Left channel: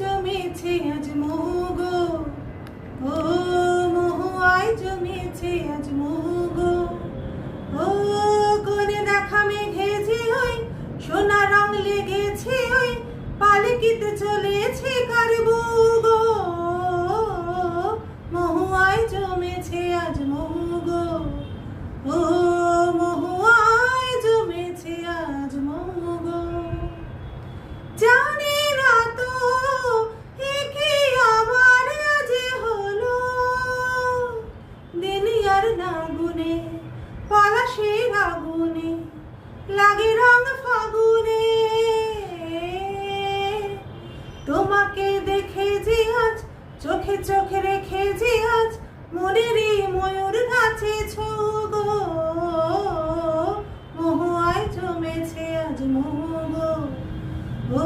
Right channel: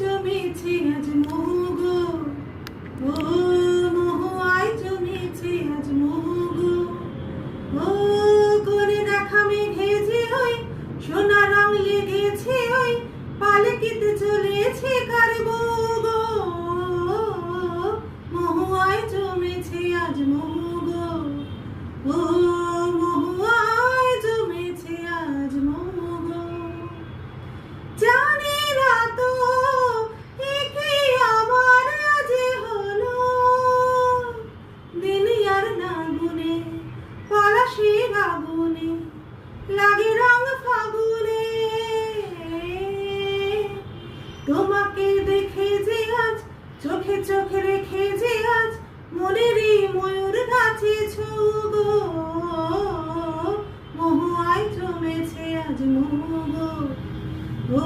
জমেছে আজ মোহ গো, ও মহুয়ায় জমেছে আজ মোহ গো। ও কোনে দেখা মেঘে যে ওই সোনা রং লেগেছে ওই পালকিতে চলেছে কার বউ গো, মহুয়ায় জমেছে আজ মোহ গো, ও মহুয়ায় জমেছে আজ মোহ গো। জানি না তো একে আবার আজ হলো, দিন আর না গুনে পলাশের আগুনে লাগে রং ফাগুনে। তোমাকে দেখে যে আজ চোখে চোখে রেখে যে আজ মনের এই ময়ূর নাচেছ গো, মহুয়ায় জমেছে আজ মোহ গো, ও